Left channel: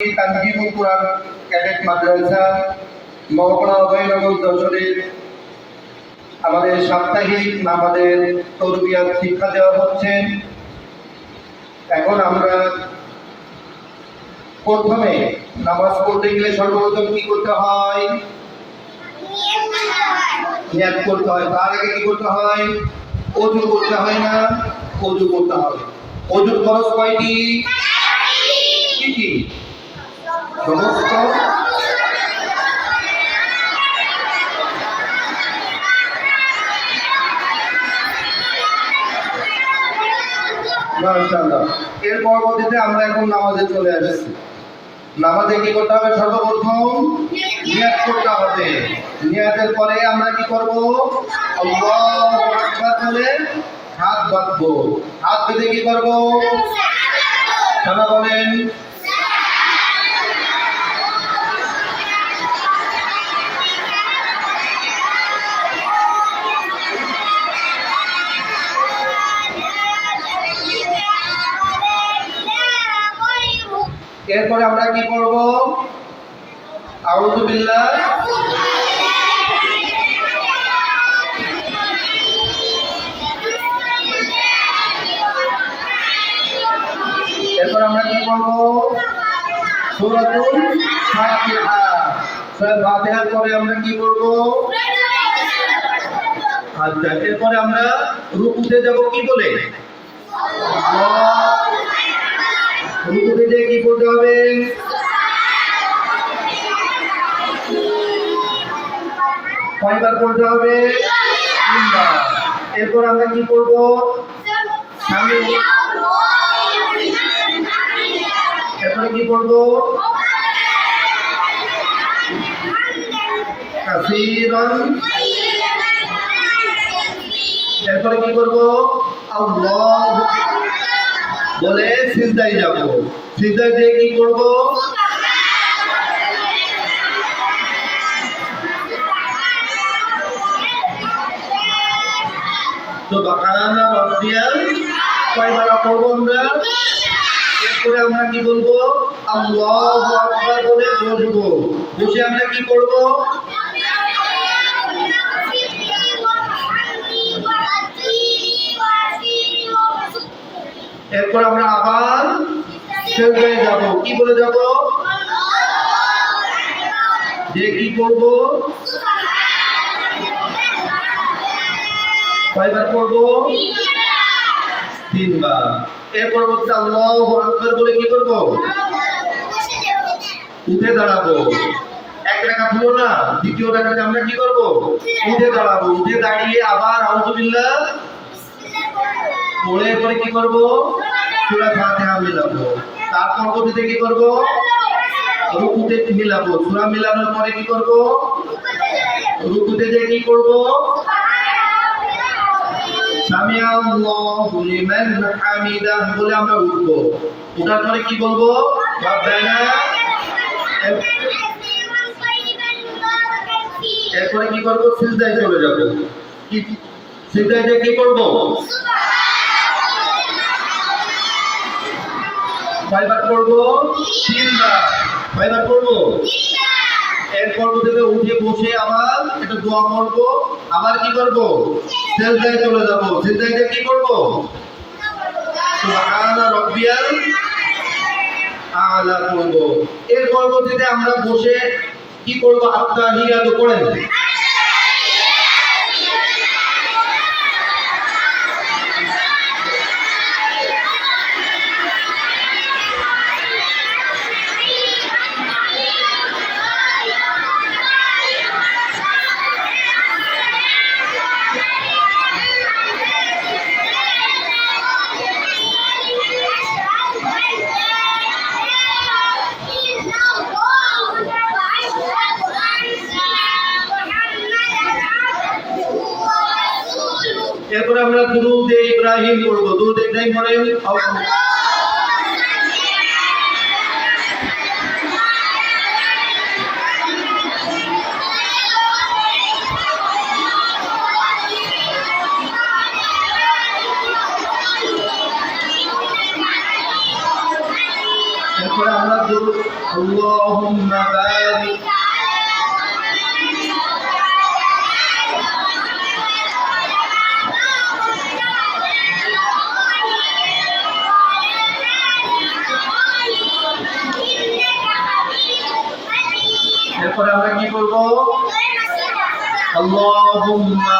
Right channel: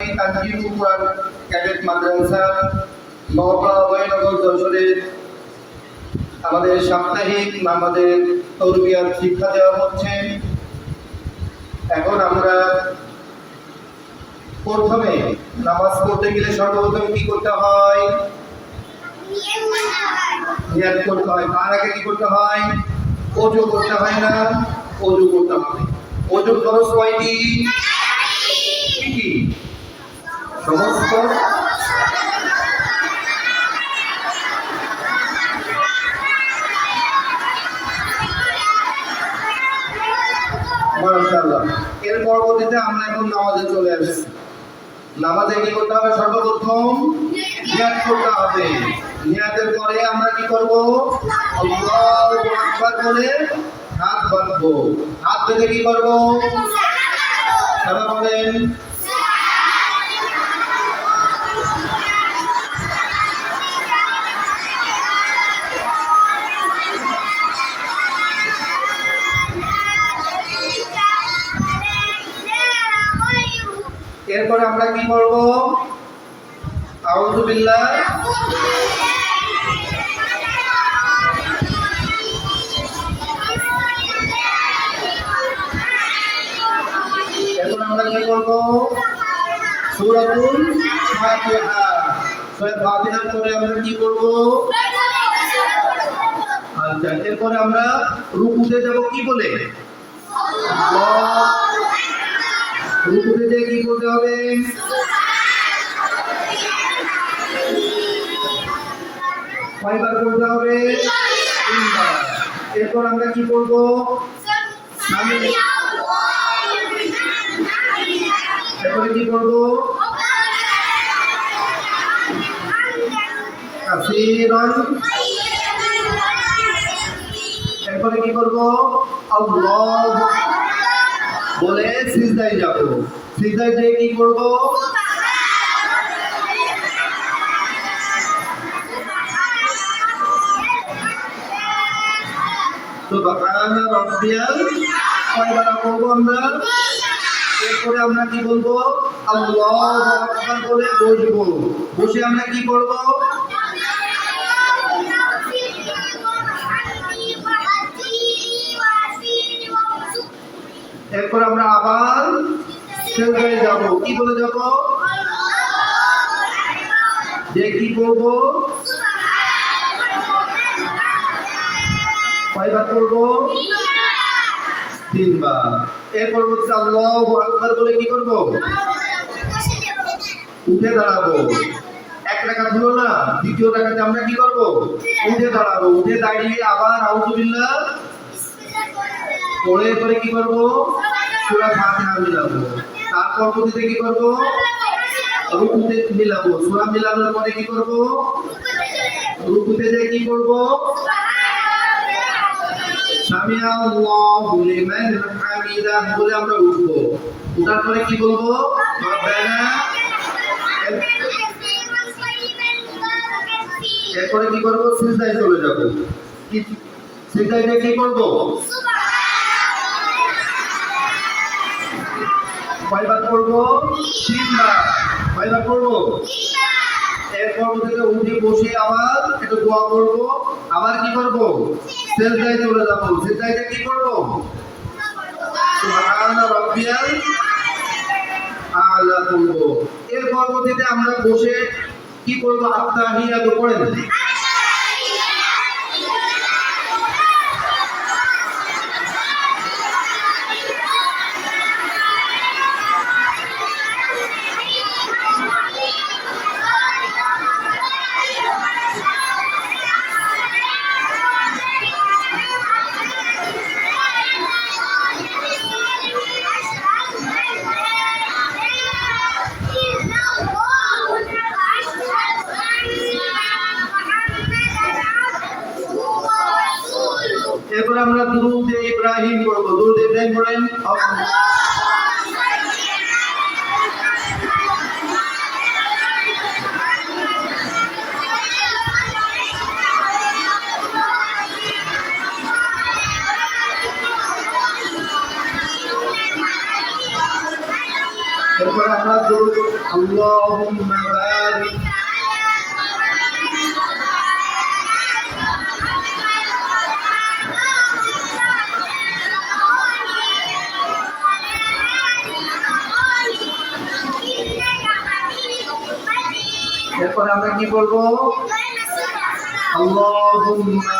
তানজিমুল কুরআন cadet মাদ্রাসা মহকুমা অভয়নগর যশোরের আমাদের সাপ্তাহিক আমাদের তরবিয়াত শিক্ষা দেওয়া হচ্ছে। এখন আমরা প্রথমে নামাজ পড়তে গেলে সর্বপ্রথম কি করতে হয়? নিয়ত করতে হয়। তার আগে কি করতে হয়? ওযু করতে হয় না? ওযু করতে হবে। ওযুর ফরজ কয়টি? কি কি? সমস্ত মাশাআল্লাহ। এর পরবর্তীতে আমরা এখন নামাজে চলে আসছি। নামাজে কি করতে হবে? সর্বপ্রথম নিয়ত করতে হবে। নিয়তের পরে আমরা কি করব? আল্লাহু আকবার বলে হাত বাঁধবো। হাত বেঁধে কি করব? সানা বলেন। এরপরে আমরা কি করব? আউযু বিল্লাহ। এরপর আমরা কি করব? সূরাতুল ফাতিহা। সূরা ফাতিহার পরে আমরা কি করব? আচ্ছা, এরপরে আমরা রুকুতে যাব কি বলে? আল্লাহ। রুকুতে যে কি করতে হবে? কয়বার করতে হবে? তিনবার। এরপর আমরা কি করব? এরপরে কি করব? কাসীরান। এরপরে কি করব? আল্লাহু বলে সিজদায় যাব। সিজদায় দিয়ে কি করব? সুবহানা রাব্বিয়াল। কয়বার পড়ব আমরা? এরপরে আমরা কি বলবো? আল্লাহু আকবার বলে বসবো। বসে আমরা কি করব? এরপর আমরা আবার সিজদায় যাব। কি বলে যাব? যে কি করব? কয়বার করব? তিনবার। এরপর হচ্ছে আল্লাহু আকবার বলে কি করব? উঠে দাঁড়াবো। এক রাকাত হলো না, দ্বিতীয় রাকাতে আমরা কি করব? উঠে দাঁড়াবো। উঠে দাঁড়িয়ে আবার আউযু বিল্লাহ পড়ে পরে কি করব? সূরা ফাতিহা মিলাবো। তার পরবর্তীতে কি করব? রুকুতে মিলাবো। সূরা মিলানোর পরে কি করব? রুকুতে যে কি করব? সামিআ আল্লাহু লিমান হামিদাহ বলে আমরা উঠবো। ওঠার পরে কি বলবো? রব্বানা। এরপরে কি করব? সিজদায় চলে যাব। কি সিজদায় যে কি করব? কয়বার করব? তিনবার। কয়বার করব? এরপর থেকে উঠে বসে আবার একটু দোয়া করব। আবার কি করব? সিজদায় চলে যাব। সিজদায় কি করব? সুবহানা রাব্বিয়াল আ'লা করব। এর পরবর্তীতে আমরা বসে কি করব? আত্তাহিয়াতু করেন। এরপর আমরা দুরূদে ইব্রাহিম পড়ব। দুরূদে ইব্রাহিম পড়েন। এরপরে আমরা اللهم بارك এরপর আমরা কি বলবো আল্লাহুম্মা